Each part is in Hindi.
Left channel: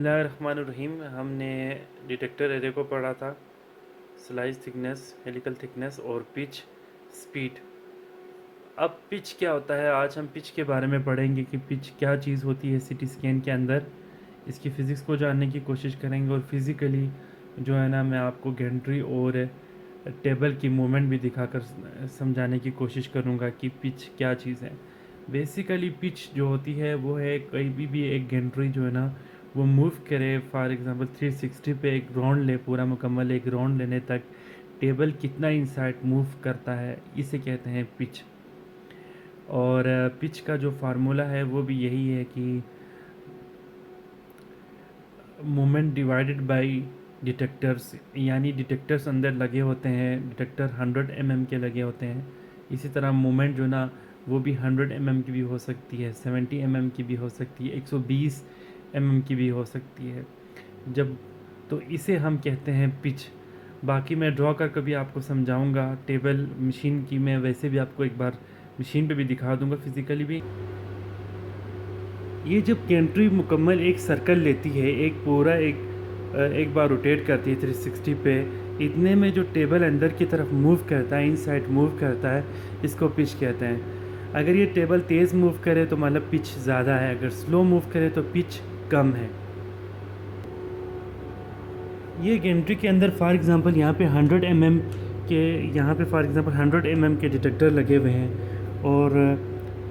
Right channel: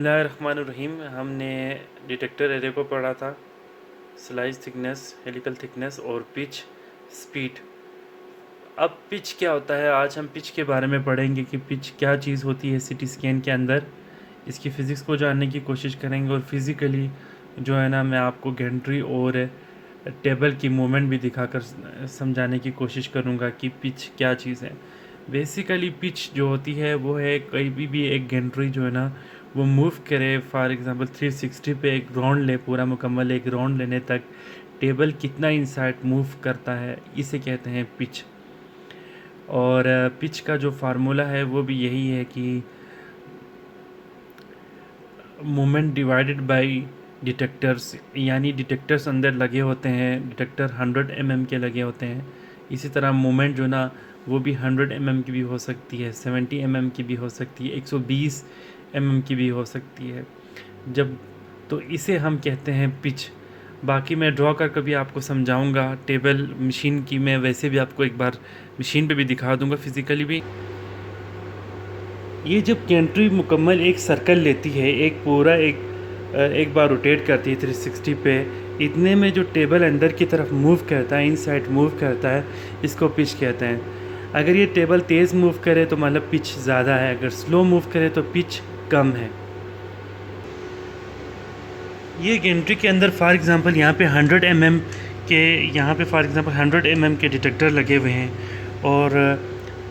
बिस्मिल्लाहिर्रहमानिर्रहीम। हमने डिटेक्टर एरे को पढ़ा था, स्लाइस थिकनेस, हेलिकल थिकनेस और पिच स्पीड। अब पिच क्या होता है, आज हम पिच के बारे में पढ़ेंगे कि पिच क्या चीज़ होती है सीटी स्कैन के अंदर। इसकी फ़िज़िक्स को जानने की कोशिश करेंगे और फिज़िकली जो है ना, मैं आपको गेंट्री और टेबल की मूवमेंट भी दिखाकर समझाने की कोशिश करूँगा कि पिच क्या चीज़ है। बेसिकली पिच जो होती है वो है कहीं भी एक गेंट्री जो है ना वो मूव करे, फॉर एग्जांपल 360 पे एक राउंड ले, पूरा मुकम्मल एक राउंड लेने तक टेबल कितना इनसाइड मूव करता है, इसे कहते हैं पिच। और पिच का जो फार्मूला है वो भी यही है कि मोमेंट डिवाइडेड बाय डिटेक्टर्स, यानी डिटेक्टर्स अंदर लगे होते हैं, डिटेक्टर 100 के लगे होते हैं। इसी तरह मोमेंट जो ना वो भी 100 की भी हो सकती है, 70 की भी हो सकती है, 120 की भी हो सकती है। जब तो इसे हम कहते हैं पिच। बाकी मैं ड्रॉ कर कभी आपको समझाऊंगा टेबल मशीन की, मैं वैसे भी आपको एक बार मशीन पे भी दिखा दूंगा फिज़िकली भी। ये जब कंट्री मुकम्मल एक सर्कल लेती है, एक पूरा एक बार रोटेट करती है 360 पे, इतने में जो टेबल अंदर की तरफ मूव करता है, इनसाइड मूव करता है, इसको पिच कहते हैं। अगर ये टेबल तेज़ मूव करे तो मतलब पिच ज़्यादा है, अगर स्लो मूव करे तो पिच कम है। ये गेंट्री के अंदर फॉर एग्ज़ाम्पल यहाँ पे 100 के, यहाँ पे फॉर एग्ज़ाम्पल 100 के डिटेक्टर लगे हुए हैं और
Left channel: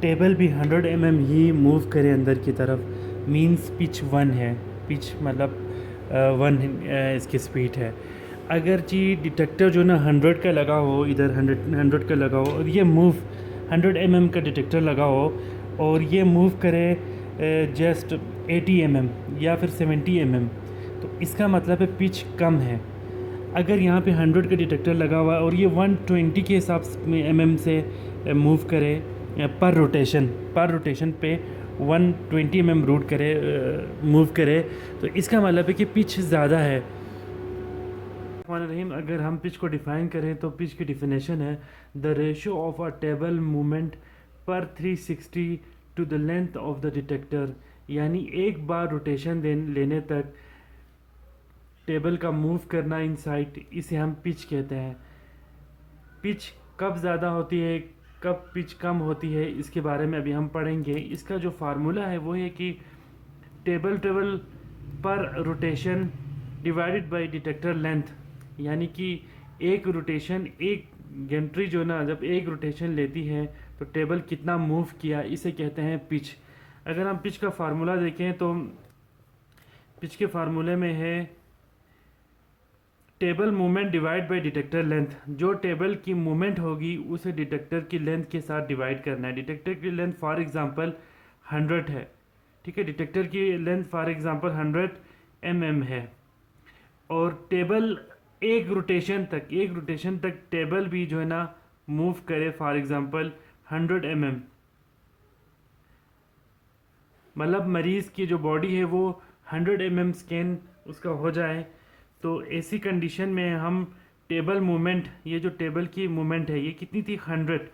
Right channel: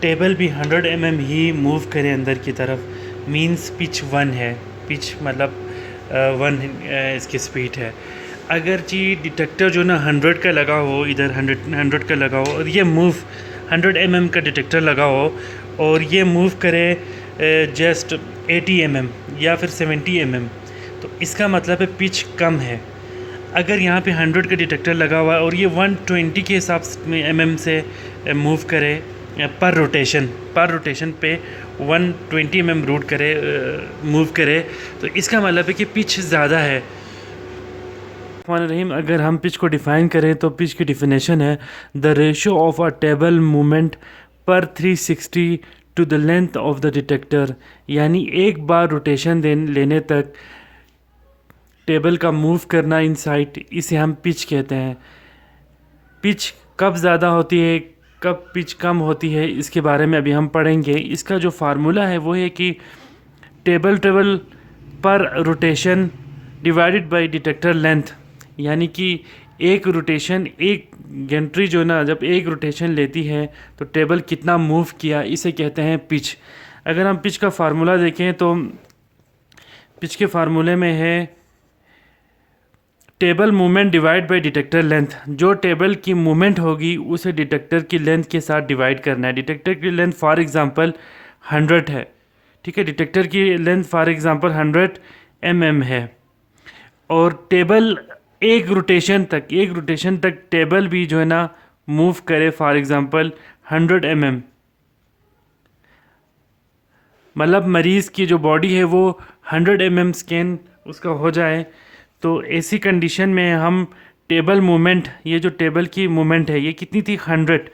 टेबल भी 100 ही मूव करे अंदर की तरफ, मींस पिच 1 है। पिच मतलब 1 इसकी स्पीड है। अगर जी डिटेक्टर जो ना 100 का लगा हो, इधर 100 का लगा हो और ये मूव 100 का डिटेक्टर लगा हो और ये मूव करे जस्ट 80 या फिर 70 तो इसका मतलब है पिच कम है। अगर यहाँ पे 100 का डिटेक्टर लगा हुआ है और ये 120 के हिसाब में से मूव करे पर रोटेशन पे 120 रूट करे, मूव करे, तो इसका मतलब है कि पिच ज़्यादा है। रहीम, अगर हम पिच को डिफ़ाइन करें तो पिच की डिफिनेशन है the ratio of a table movement पर 360 to the length of the detector, यानी एक बार रोटेशन लेने तक टेबल का मूव करना इनसाइड, इसे हम पिच कहते हैं। पिच कब ज़्यादा होती है, कब पिच कम होती है, इसके बारे में अभी हम पढ़ेंगे। इसका जो फार्मूला है वो है कि टेबल पर rotation divided by detector length, यानी कि एक रोटेशन, एक गेंट्री जो ना जब एक रोटेशन लेती है तो टेबल कितना मूव किया, इसे कहते हैं पिच। अगर हम पिच का फार्मूला देखें तो पिच के फार्मूले में है table movement divide by detector length. जो टेबल की मूवमेंट होगी उसे डिटेक्टर की लेंथ के साथ डिवाइड करना है। डिटेक्टर की लेंथ फॉर एग्जांपल 100 है, ठीक है, डिटेक्टर की लेंथ फॉर एग्जांपल 100 है और टेबल एक रोटेशन तक टेबल भी जो है ना मूव करे, फॉर एग्जांपल 100 मतलब मरीज़ की जो बॉडी है वो 100 स्कैन उसका हो जाए, तो ऐसी कंडीशन में हम टेबल मूवमेंट, ये जो टेबल की मूवमेंट है ये कितनी थी, 100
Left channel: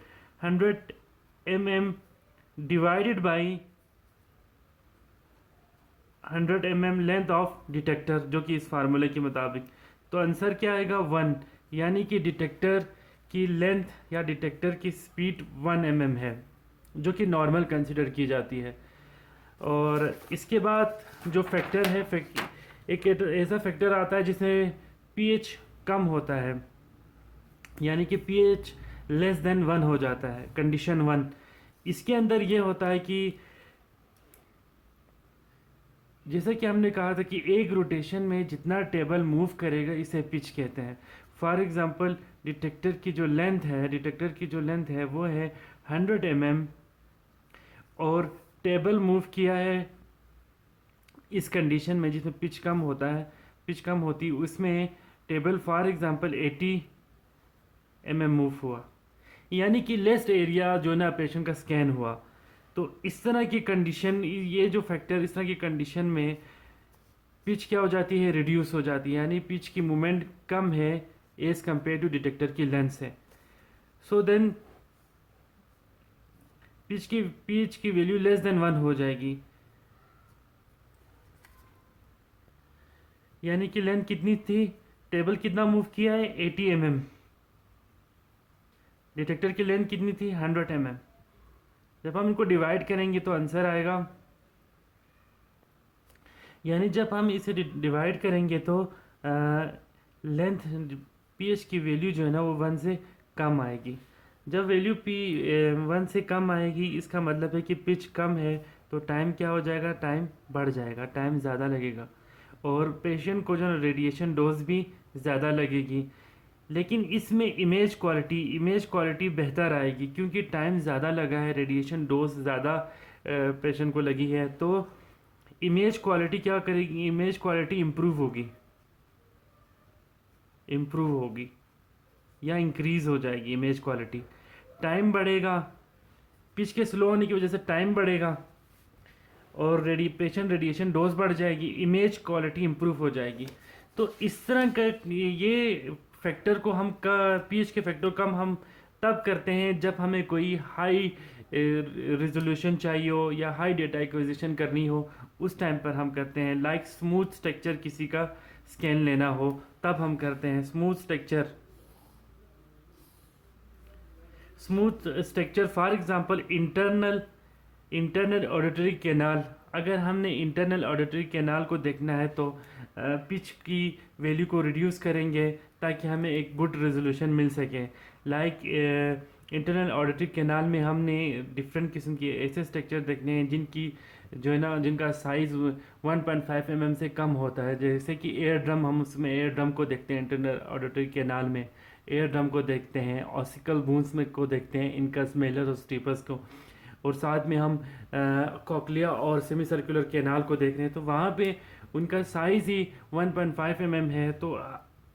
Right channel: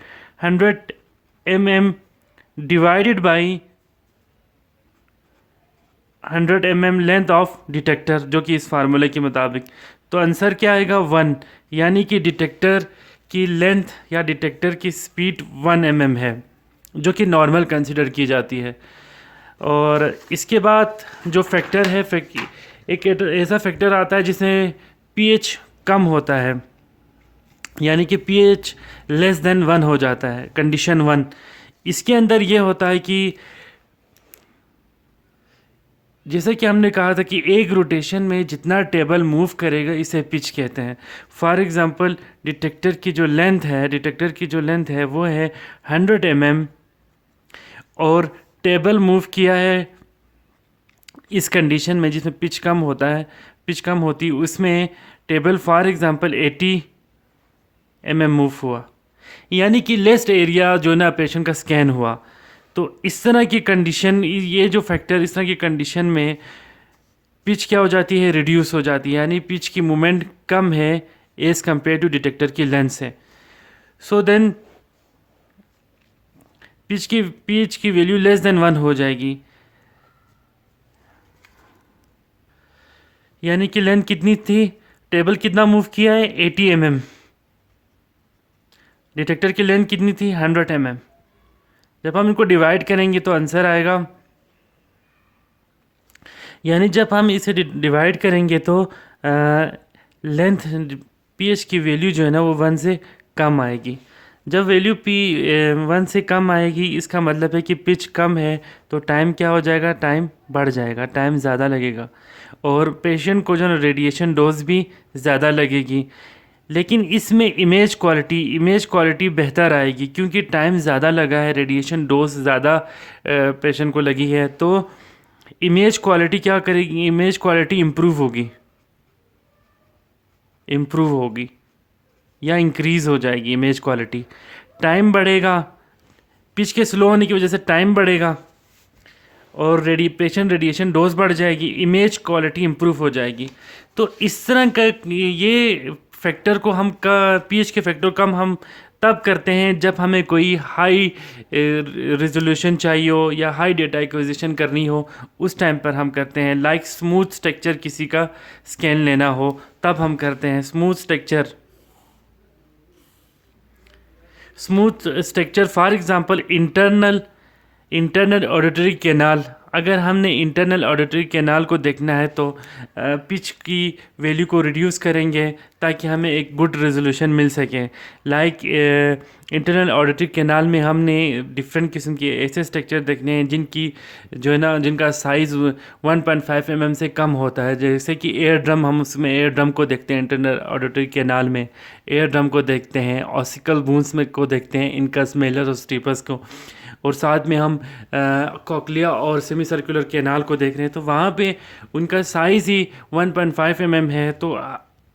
divided by 100 length of detector, जो कि इस फार्मूले के मुताबिक, तो आंसर क्या आएगा 1, यानी कि डिटेक्टर की लेंथ या डिटेक्टर की स्पीड 1 है, जो कि नॉर्मल कंसिडर की जाती है। और इसके बाद जो फैक्टर है, एक ऐसा फैक्टर आता है जिसमें पीएच कम होता है, यानी कि पीएच लेस देन 1 हो जाता है, कंडीशन 1। इसके अंदर ये होता है कि जैसे कि हमने कहा था कि एक रोटेशन में जितना टेबल मूव करेगा इसे पिच कहते हैं। फॉर एग्जांपल डिटेक्टर की जो लेंथ है वो है 100 और टेबल मूव किया है इस कंडीशन में जिसमें पिच कम होता है, पिच कम होती, उसमें टेबल फॉर एग्जांपल 80 मूव हुआ, यानी कि लेस्ट एरिया जो ना पेशेंट का स्कैन हुआ। तो इस तरह की कंडीशन, ये जो फैक्टर, इस तरह की कंडीशन में पिच क्या हो जाती है, रिड्यूस हो जाती है, यानी पिच की मूवमेंट कम है एज़ कम्पेयर टू डिटेक्टर की लेंथ से। सो देन पिच की वैल्यू लेस देन 1 हो जाएगी। यानी कि लेंथ कितनी थी, टेबल कितना मूव किया है 80 mm, डिटेक्टर की लेंथ कितनी थी 100 mm। जब हम इनको डिवाइड करेंगे तो आंसर आएगा, यानी जब हम इसे डिवाइड करेंगे तो लेंथ पीएच की वैल्यू जो है ना वो 1 से कम आएगी। जब वैल्यू पी 1 से कम आएगी इसका मतलब है कि पिच कम है, तो टाइम क्या हो जाएगा, टाइम बढ़ जाएगा, टाइम ज़्यादा लगेगा और पेशेंट को जो है रेडिएशन डोज भी ज़्यादा लगेगी। लेकिन इसमें इमेज क्वालिटी बेहतर आएगी क्योंकि टाइम ज़्यादा लगा है, रेडिएशन डोज ज़्यादा पेशेंट को लगी है, तो इमेज क्वालिटी क्या करेगी, इमेज क्वालिटी इम्प्रूव होगी या इंक्रीज़ हो जाएगी इमेज क्वालिटी। टाइम बढ़ेगा, पिच के स्लो होने की वजह से टाइम बढ़ेगा और पेशेंट रेडिएशन डोज बढ़ जाएगी, इमेज क्वालिटी इम्प्रूव हो जाएगी। तो इस तरह का ये फैक्टर को हम पीएच के फैक्टर कम हम तब करते हैं जब हमें कोई हाई रिजोल्यूशन चाहिए हो या हाई डेटा एक्विजिशन करनी हो, उस टाइम पर हम करते हैं। लाइक स्मूथ स्ट्रक्चर किसी का स्कैन लेना हो तब हम करते हैं smooth structure for example internal auditory canal. अगर हमने इंटरनल ऑडिटरी कैनाल को देखना है तो पिच की वैल्यू को रिड्यूस करेंगे ताकि हमें एक गुड रेजोल्यूशन मिल सके। लाइक इंटरनल ऑडिटरी कैनाल में हमने डिफरेंट किस्म के ऐसे स्ट्रक्चर देखने हैं जिनकी जो है ना जिनका साइज़ 1.5 mm से कम होता है, जैसे कि एयर ड्रम। हम उसमें एयर ड्रम को देखते हैं, इंटरनल ऑडिटरी कैनाल में एयर ड्रम को देखते हैं, ऑसिकल बूंस में को देखते हैं, इनकस मेलस और स्टीपस को, और साथ में हम कॉकलिया और सेमी सर्कुलर कैनाल को देख रहे हैं तो वहाँ पे उनका साइज़ ही 1.5 mm है। तो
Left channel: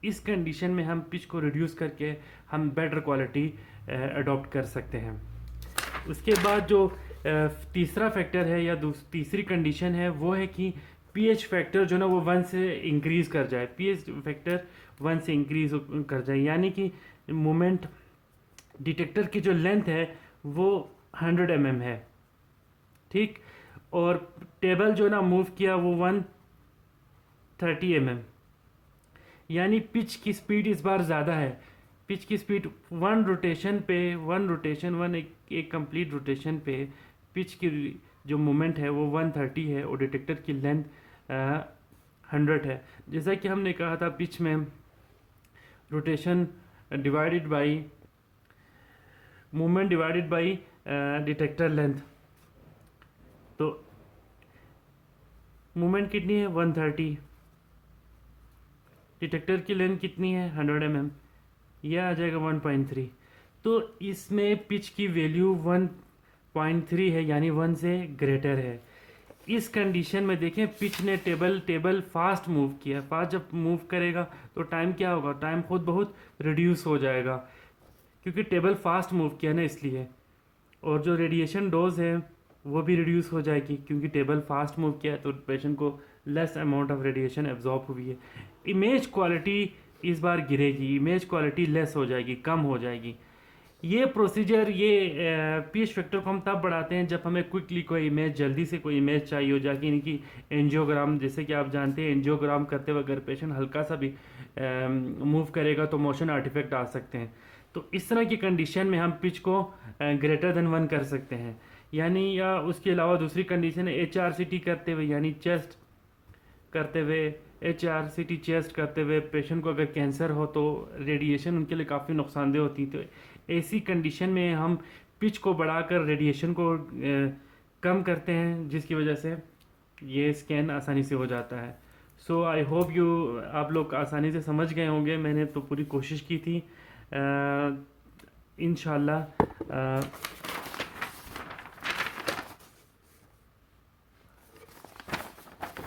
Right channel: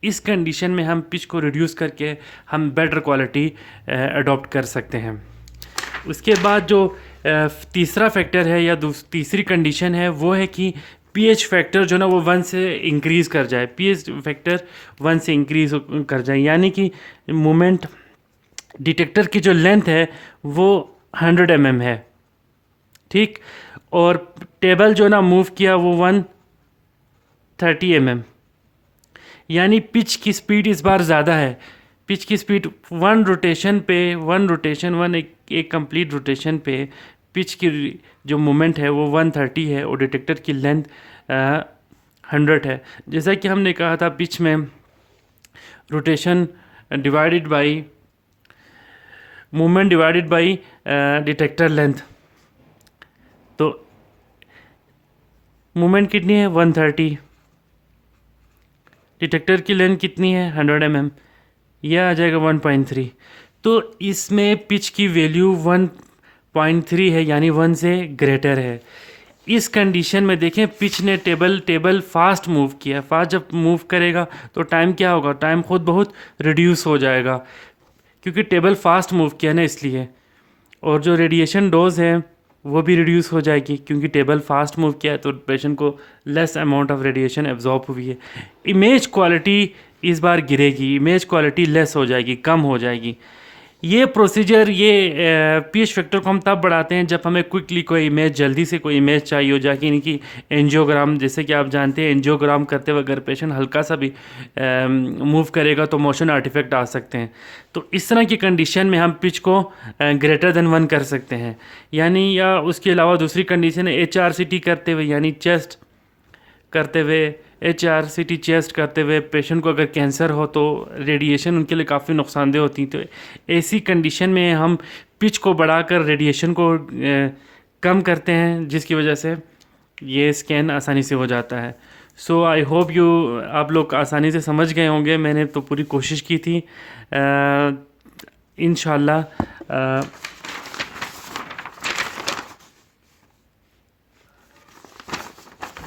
इस कंडीशन में हम पिच को रिड्यूस करके हम बेटर क्वालिटी अडॉप्ट कर सकते हैं। उसके बाद जो तीसरा फैक्टर है या तीसरी कंडीशन है वो है कि पीएच फैक्टर जो ना वो 1 से इंक्रीज़ कर जाए, पीएच फैक्टर 1 से इंक्रीज़ कर जाए, यानी कि मोमेंट डिटेक्टर की जो लेंथ है वो 100 mm है, ठीक, और टेबल जो ना मूव किया वो 130 mm, यानी पिच की स्पीड इस बार ज़्यादा है। पिच की स्पीड एक कंप्लीट रोटेशन पे पिच की जो मोमेंट है वो 130 है और डिटेक्टर की लेंथ 100 है। जैसा कि हमने कहा था पिच में rotation divided by movement divided by detector length, तो मूवमेंट कितनी है 130, डिटेक्टर की लेंथ कितनी है 100 mm, यह आ जाएगा 1.3। तो इसमें पिच की वैल्यू 1.3 है यानी 1 से ग्रेटर है। इस कंडीशन में देखें पिच ने टेबल फास्ट मूव किया, फास्ट जब मूव करेगा तो टाइम क्या होगा, टाइम खुद बहुत रिड्यूस हो जाएगा क्योंकि टेबल फास्ट मूव किया ना इसलिए, और जो रेडिएशन डोज है वो भी रिड्यूस हो जाएगी क्योंकि टेबल फास्ट मूव किया है तो पेशेंट को less amount of radiation absorb हुई है। इमेज क्वालिटी इस बार गिरेगी, इमेज क्वालिटी लेस हो जाएगी, कम हो जाएगी। ये प्रोसीजर पीएच फैक्टर को हम तब बढ़ाते हैं जब हमें क्विकली कोई इमेज, जल्दी से कोई इमेज चाहिए हो जाए, इनकी एंजियोग्राम, जैसे कि आप जानते हैं एंजियोग्राम करते हुए अगर पेशेंट हल्का सा भी मूव करेगा तो मोशन आर्टिफैक्ट आ सकते हैं। तो इस तरह की कंडीशन में हम पिच को ग्रेटर देन 1 कर सकते हैं, यानी या उसके अलावा दूसरी कंडीशन है HRCT करते हुए, यानी चेस्ट करते हुए, HRCT चेस्ट करते हुए पेशेंट को अगर कैंसर हो तो रेडिएशन उनके लिए काफ़ी नुकसानदेह होती है। तो ऐसी कंडीशन में हम पिच को बढ़ाकर रेडिएशन को कम करते हैं जिसकी वजह से ये स्कैन आसानी से हो जाता है। सो आई होप आप लोग आसानी से समझ गए होंगे, मैंने तो पूरी कोशिश की थी। इंशाल्लाह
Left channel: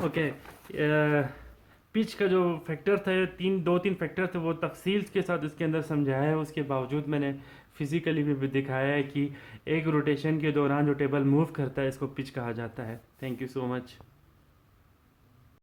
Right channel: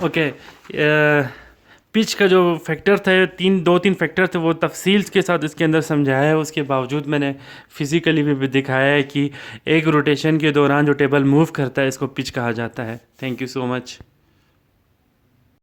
ओके। पिच का जो फैक्टर थे, दो तीन फैक्टर थे, वो तफसील के साथ इसके अंदर समझाया है। उसके बावजूद मैंने फिज़िकली भी दिखाया है कि एक रोटेशन के दौरान जो टेबल मूव करता है इसको पिच कहा जाता है। Thank you so much.